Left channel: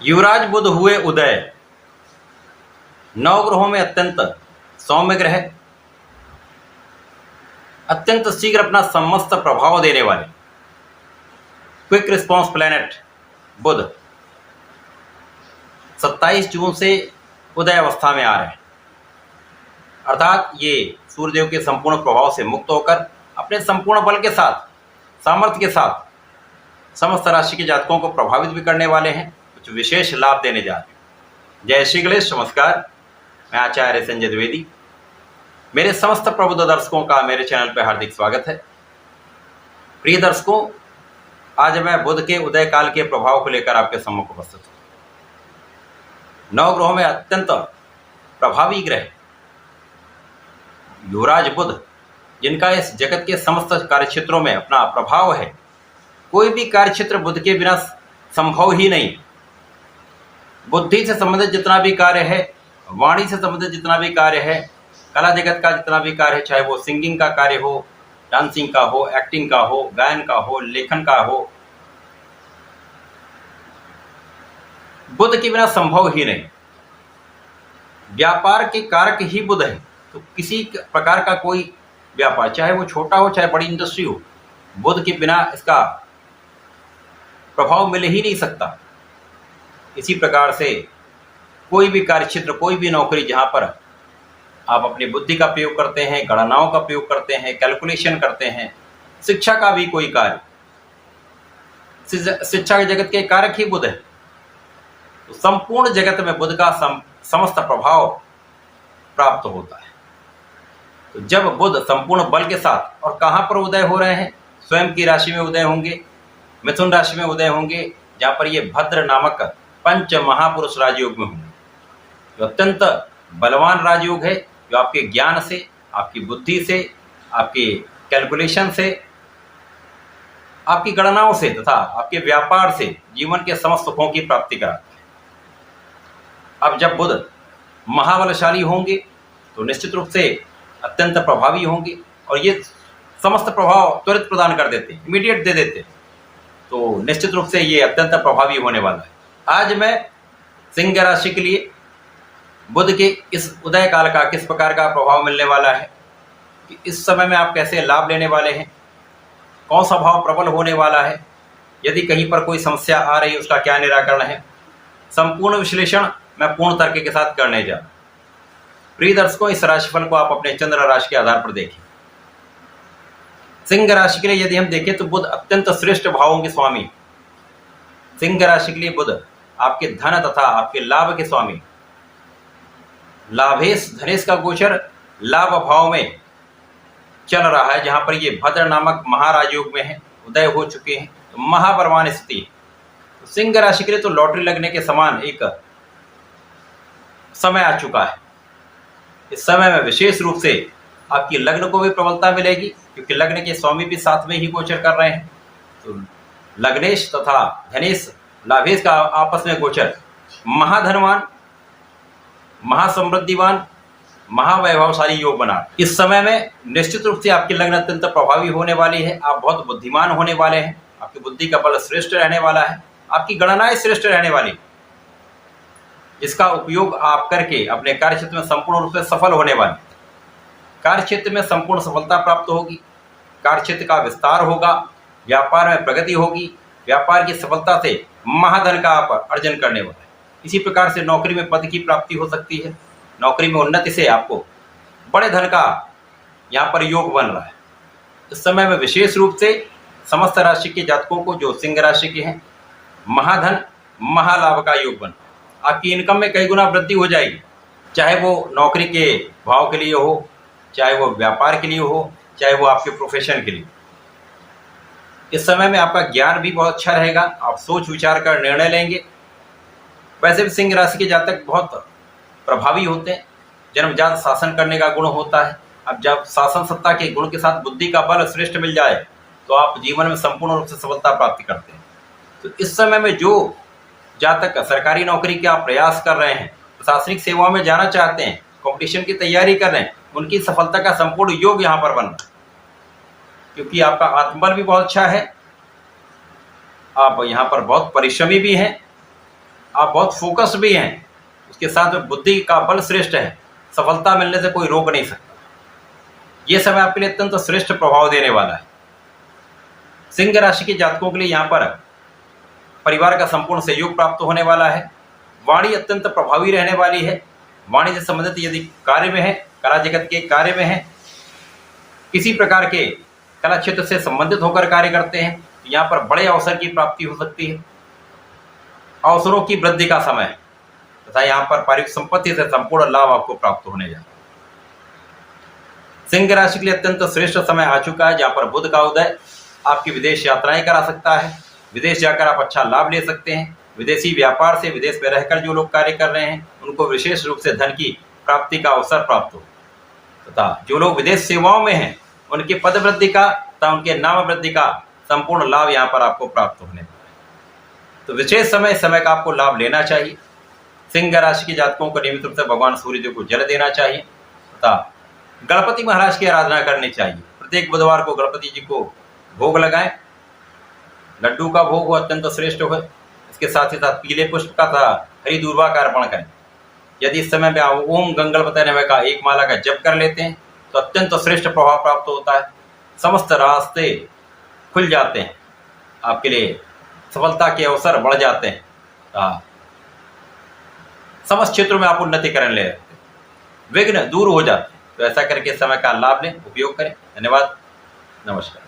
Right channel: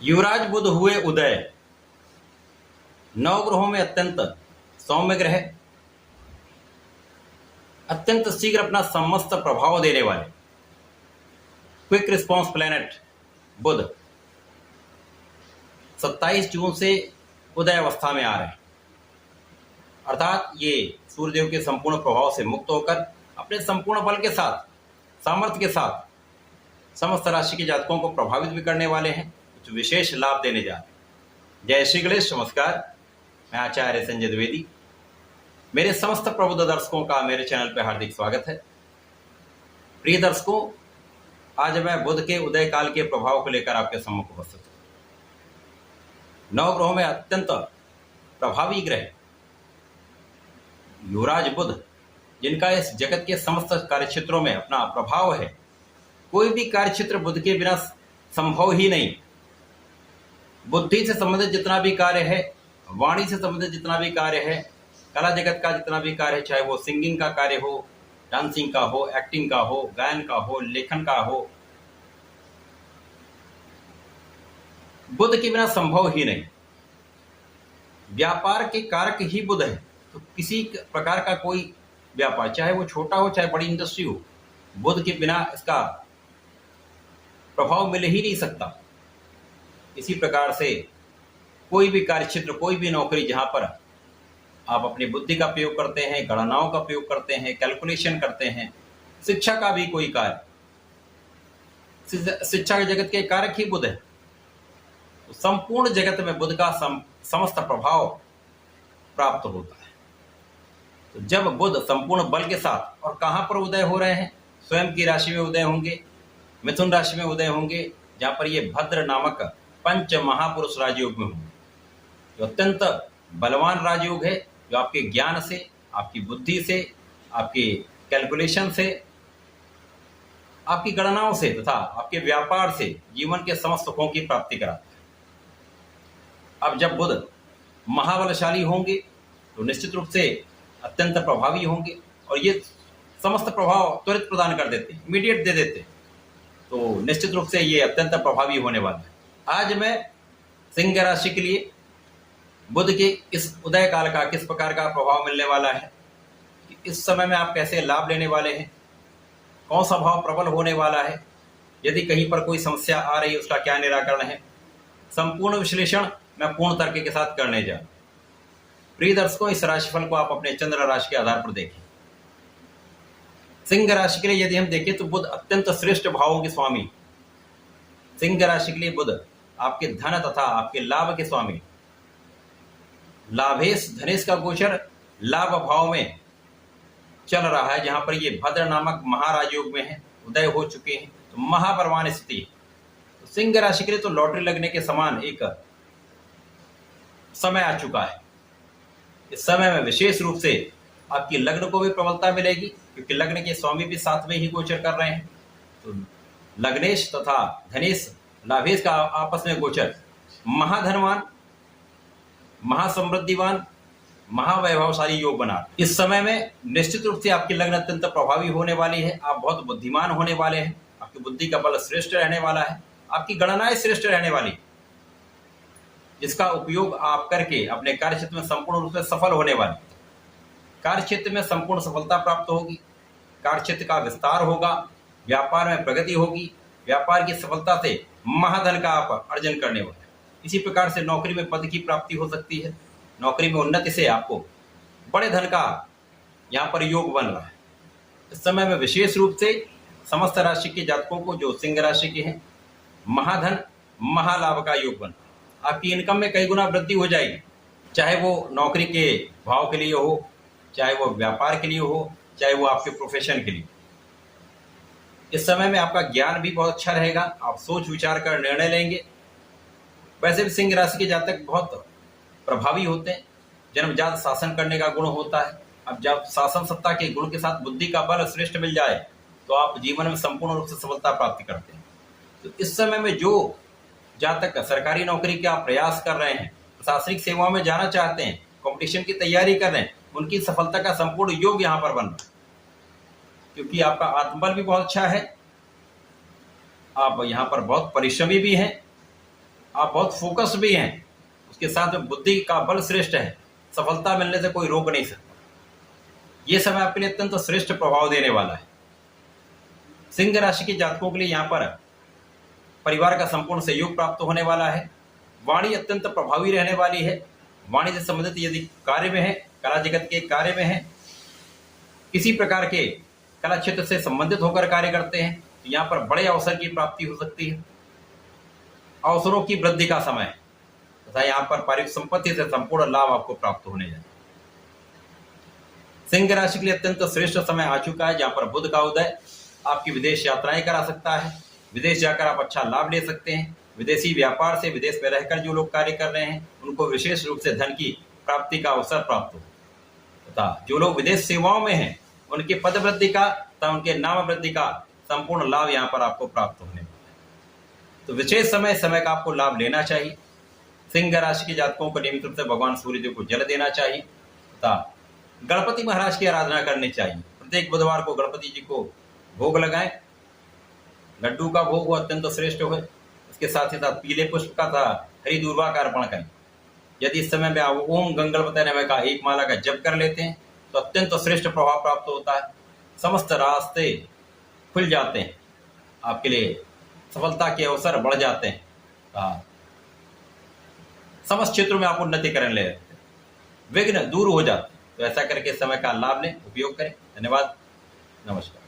युवराज बुध हुए उदय। नवग्रहों में अत्यंत सौम्य ग्रह, अत्यंत शीघ्र अपना समस्त प्रभाव देने वाले क्विक रिस्पॉन्स प्लैनेट बुध 27 जून से उदय अवस्था में आ रहे हैं। अर्थात ये सूर्यदेव के संपूर्ण प्रभाव से मुक्त होकर अपने संपूर्ण बल के साथ, सामर्थ्य के साथ समस्त राशि के जातकों को प्रभावित भी करने वाले हैं, कुछ विशेष लाभ देने जा रहे हैं। जय श्री गणेश, नमस्कार। मैं आचार्य संजय द्विवेदी। मेरे समस्त प्रबुद्ध दर्शकों का मेरे चैनल पर हार्दिक स्वागत है। प्रिय दर्शकों, आज मैं बुध के उदय काल के प्रभाव को लेकर आपके सम्मुख उपस्थित हूँ। नवग्रहों में अत्यंत प्रभावी ग्रह युवराज बुध, जिनका इस जगत के समस्त कार्यक्षेत्रों में अपना प्रभाव है, कोई भी कार्यक्षेत्र बुध के बिना संभव ही नहीं। बुद्धि से संबंधित जितना भी कार्य है, वाणी से संबंधित जितना भी कार्य है, कला जगत का जितना भी कार्य है, चाहे वो सिंगिंग का कार्य हो, डांसिंग का हो, एक्टिंग का हो, गायन का हो, लेखन का हो, बुध के बिना संभव ही नहीं। व्यापार के कारक ही बुध है, तो किसी प्रकार का कोई व्यापार, चाहे वो छोटा हो चाहे बड़ी इंडस्ट्री हो, बुध के बिना इसका प्रभाव मिल ही नहीं सकता। इसी प्रकार से कोई भी कार्यक्षेत्र, कोई भी नौकरी जहां पर आप अपनी बुद्धि का प्रयोग करते हैं, गणनाओं का प्रयोग करते हैं, कैलकुलेशन करते हैं, शिक्षा का भी कोई कार्य, शिक्षा के जगत के कारक ही बुध है, तो संपूर्ण जगत में बुध का समस्त प्रभाव प्राप्त होता है। तो जब बुध संपूर्ण बल के साथ और कहां पर उदय हो रहे हैं, स्वयं की राशि में उदय होंगे, मिथुन राशि में उदय होंगे, जहां पर ये भद्र नामक पंच महापुरुष राजयोग में होंगे, जो अत्यंत बलवान राजयोग है, जो आपके ज्ञान से, आपकी बुद्धि से, आपके कैलकुलेशन से, आपकी गणनाओं से तथा आपके व्यापार से जीवन के समस्त सुखों की प्राप्ति कराता है। अब जब बुध महाबलशाली होंगे तो निश्चित रूप से अत्यंत प्रभावी होंगे और ये समस्त प्रभाव त्वरित प्रदान कर देते हैं, इमीडिएट दे देते हैं, तो निश्चित रूप से ये अत्यंत प्रभावी होने वाला है। आज मैं सिंह राशि के लिए बुध के इस उदय काल का किस प्रकार का प्रभाव मिलने वाला है, कि इस समय में आप कैसे लाभ लेने वाले हैं, कौन सा भाव प्रबल होने वाला है, यदि कहीं पर कोई समस्या आ रही है उसका क्या निराकरण है, संपूर्ण विश्लेषण मैं पूर्ण तर्क के साथ करने जा रहा हूं। प्रिय दर्शकों, इस राशिफल को आप अपने चंद्र राशि के आधार पर देखें। सिंह राशि के लिए यदि हम देखें तो बुध अत्यंत श्रेष्ठ भावों के स्वामी। सिंह राशि के लिए बुध आपके धन तथा आपके लाभ के स्वामी। लाभेश धनेश का गोचर लाभ भाव में चल रहा है, जहां पर ये भद्र नामक महाराजयोग में है, उदय हो चुके हैं, तो महाबलवान स्थिति। तो सिंह राशि के लिए तो लॉटरी लगने के समान एक समय आ चुका है। इस समय में विशेष रूप से आपकी लग्न को भी प्रबलता मिलेगी, क्योंकि लग्न के स्वामी भी साथ में ही गोचर कर रहे हैं। तो लग्नेश तथा धनेश लाभेश का आपस में गोचर महाधनवान, महासमृद्धिवान, महावैभवशाली योग बना। इस समय में निश्चित रूप से आपकी लग्न अत्यंत प्रभावी होने वाली है। आप बहुत बुद्धिमान होने वाले हैं, आपकी बुद्धि का बल श्रेष्ठ रहने वाला है, आपकी गणनाएं श्रेष्ठ रहने वाली, जिसका उपयोग आप करके अपने कार्यक्षेत्र में संपूर्ण रूप से सफल होने वाले। कार्यक्षेत्र में संपूर्ण सफलता प्राप्त होगी, कार्यक्षेत्र का विस्तार होगा, व्यापार में प्रगति होगी, व्यापार की सफलता से महाधन का आप अर्जन करने वाले। इसी प्रकार से नौकरी में पद की प्राप्ति हो सकती है, नौकरी में उन्नति से आपको बड़े धन का यहाँ पर योग बन रहा है। इस समय में विशेष रूप से समस्त राशि के जातकों को, जो सिंह राशि के हैं, महाधन महालाभ का योग बन, आपकी इनकम में कई गुना वृद्धि हो जाएगी, चाहे वो नौकरी के भाव के लिए हो, चाहे वो व्यापार के लिए हो, चाहे वो आपके प्रोफेशन के लिए। इस समय में आपका ज्ञान भी बहुत अच्छा रहेगा, आप सोच विचार कर निर्णय लेंगे। वैसे भी सिंह राशि के जातक बहुत प्रभावी होते हैं, जन्मजात शासन करने का गुण होता है। अब जब शासन सत्ता के गुण के साथ बुद्धि का बल श्रेष्ठ मिल जाए तो आप जीवन में संपूर्ण रूप से सफलता प्राप्ति करते हैं। तो इस समय में जो जातक सरकारी नौकरी के आप प्रयास कर रहे हैं, प्रशासनिक सेवाओं में जाना चाहते हैं, कंपटीशन की तैयारी कर रहे हैं, उनकी सफलता का संपूर्ण योग यहाँ पर बन रहा है, क्योंकि आपका आत्मबल भी बहुत अच्छा है, आप यहाँ पर बहुत परिश्रमी भी हैं, आप बहुत फोकस भी हैं, उसके साथ में बुद्धि का बल श्रेष्ठ है, सफलता मिलने से कोई रोक नहीं सकता। ये समय आपके लिए अत्यंत श्रेष्ठ प्रभाव देने वाला है। सिंह राशि के जातकों के लिए यहाँ पर परिवार का संपूर्ण सहयोग प्राप्त होने वाला है। वाणी अत्यंत प्रभावी रहने वाली है। वाणी से संबंधित यदि कार्य में है, कला जगत के कार्य में है, किसी प्रकार के कला क्षेत्र से संबंधित होकर कार्य करते हैं, तो यहाँ पर बड़े अवसर की प्राप्ति हो सकती है। अवसरों की वृद्धि का समय तथा यहाँ पर पारिवारिक संपत्ति से संपूर्ण लाभ आपको प्राप्त होने जा। सिंह राशि के लिए अत्यंत श्रेष्ठ समय आ चुका है, जहाँ पर बुध का उदय आपकी विदेश यात्राएं करा सकता है। विदेश जाकर आप अच्छा लाभ ले सकते हैं। विदेशी व्यापार से विदेश में रहकर जो लोग कार्य कर रहे हैं उनको विशेष रूप से धन की प्राप्ति का अवसर प्राप्त हो, तथा जो लोग विदेश सेवाओं में हैं उनके पद वृद्धि का तथा उनके नाम वृद्धि का संपूर्ण लाभ यहाँ पर आपको प्राप्त होने वाला है। तो विशेष समय का आपको लाभ लेना चाहिए। सिंह राशि के जातकों को नियमित रूप से भगवान सूर्यदेव को जल देना चाहिए तथा गणपति महाराज की आराधना करनी चाहिए। प्रत्येक बुधवार को गणपति जी को भोग लगाएं। लड्डू का भोग अत्यंत श्रेष्ठ हो। इसके साथ ही साथ पीले पुष्प का तथा हरी दूर्वा का अर्पण करें। यदि इस समय में आप ओम गंगलपते नमः का एक माला का जप कर लेते हैं तो अत्यंत श्रेष्ठ प्रभाव प्राप्त होता है। समस्त रास्ते खुल जाते हैं, आपके लिए सफलता के अवसर बढ़ जाते हैं। समस्त क्षेत्रों में आप उन्नति करने ले, विघ्न दूर हो जाते हैं। तो ऐसा करके समय का लाभ लें, उपयोग करें। धन्यवाद, नमस्कार।